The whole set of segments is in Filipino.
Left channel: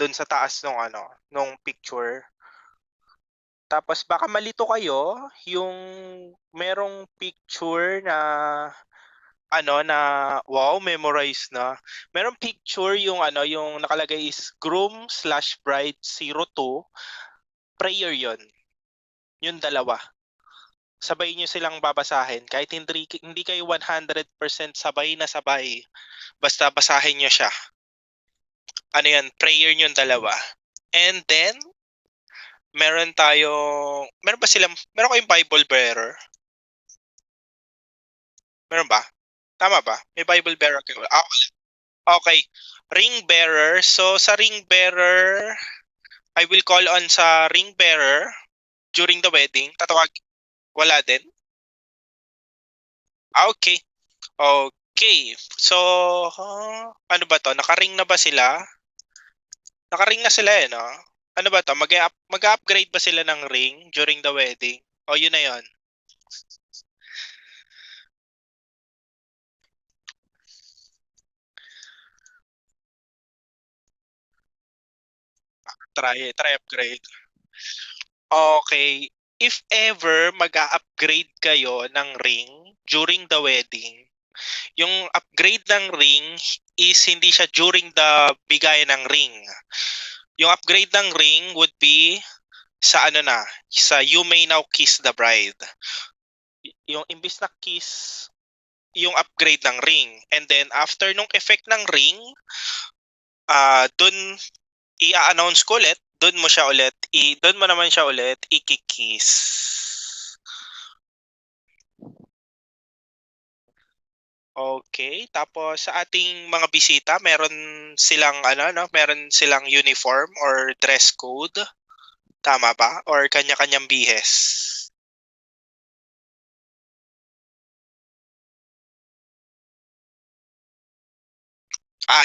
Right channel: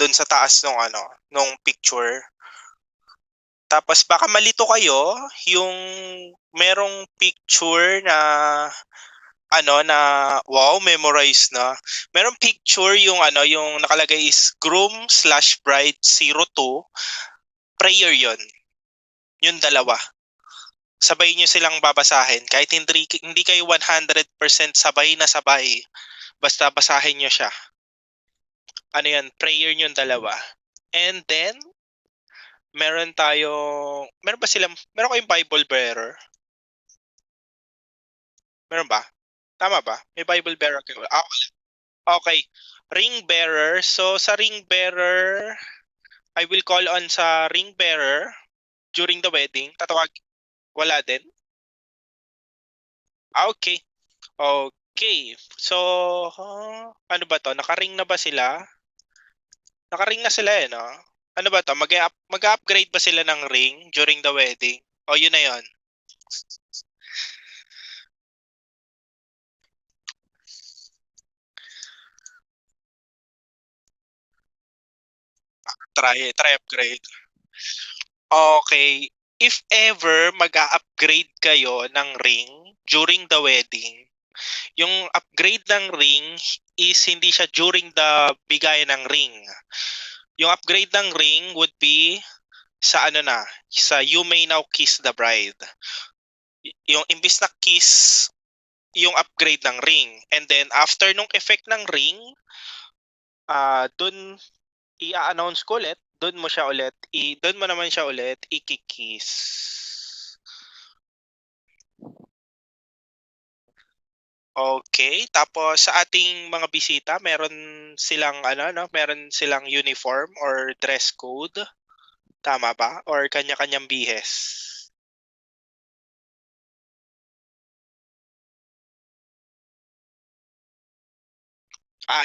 doon sa taas nung picture. Tapos baka malito kayo, yung merong picture na na wow, memorize na. Merong picture yung yung nakalagay is groom/bride 02. Prayer yon. Yung dalawa. Sabay nyo silang babasahin. Kahit hindi kayo 100% sabay na sabay. Basta basahin nyo siya. Yan, prayer nyo yung dalawa. And then, meron kayong Bible bearer? Meron ba? Tama ba? May Bible bearer kayo? Okay. Ring bearer. So, sa ring bearer, I will call on sa ring bearer during the wedding. Wala din? Okay. Okay. So, ano ba to? Naka-ring na ba sila? Naka-ring na sila no? Ano ba to? Mag-upgrade ba sila ng ring during the wedding? O yun na yun? Try upgrade. Okay. If ever mag-upgrade kayo ng ring during the wedding, yung upgrade ng ring is hindi siya during the bigay ng ring. Yung upgrade ng ring would be sa sa You May Now Kiss the Bride. Yung imbis na kiss, yung upgrade ng ring. And then after nung effect ng ring, dun i-announce ko ulit, dun mo naman siya ulit i-kiss. Okay, tapos sa ating mga bisita, meron silang uniform or dress code. Tama ba? Or kanya-kanyang bihes?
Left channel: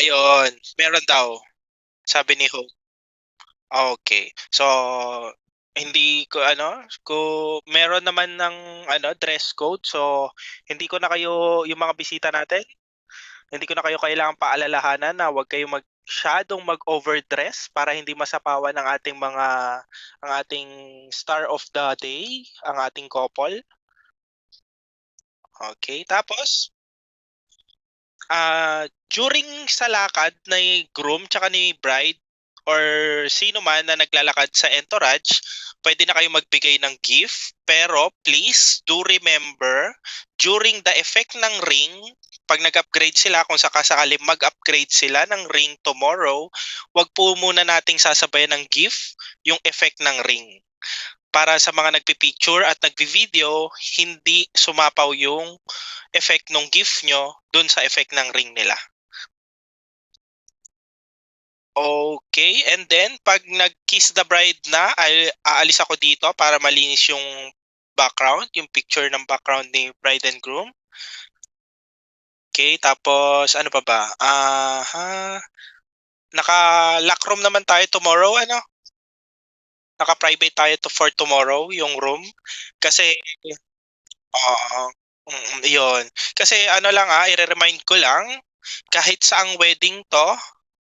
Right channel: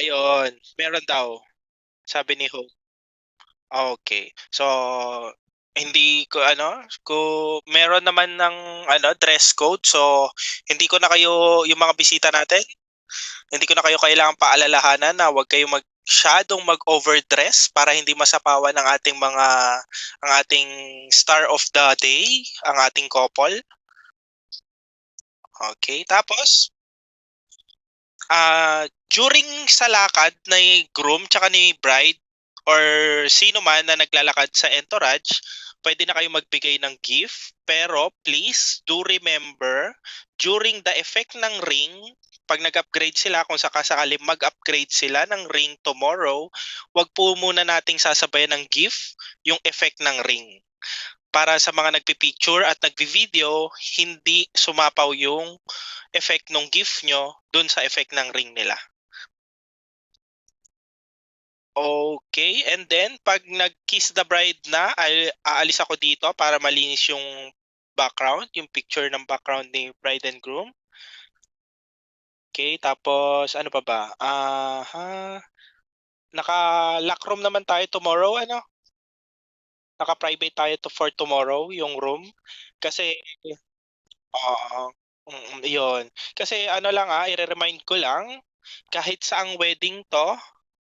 Yun. Meron daw, sabi ni Hope. Okay. So, hindi ko kung meron naman ng dress code, so hindi ko na kayo, yung mga bisita natin, hindi ko na kayo kailangang paalalahanan na huwag kayong masyadong mag-overdress para hindi masapawan ang ating star of the day, ang ating couple. Okay, tapos during sa lakad ni groom tsaka ni bride or sino man na naglalakad sa entourage, pwede na kayo magbigay ng gift. Pero please do remember, during the effect ng ring, pag nag-upgrade sila, kung sakasakali mag-upgrade sila ng ring tomorrow, wag po muna nating sasabayan ng gift yung effect ng ring. Para sa mga nagpipicture at nagvi-video, hindi sumapaw yung effect ng gift nyo dun sa effect ng ring nila. Okay, and then pag nag-kiss the bride na, aalis ako dito para malinis yung background, yung picture ng background ni bride and groom. Okay, tapos ano pa ba? Naka-lock room naman tayo tomorrow, Naka-private tayo for tomorrow yung room kasi oo. Yun. Kasi i-re-remind ko lang, kahit saang wedding to,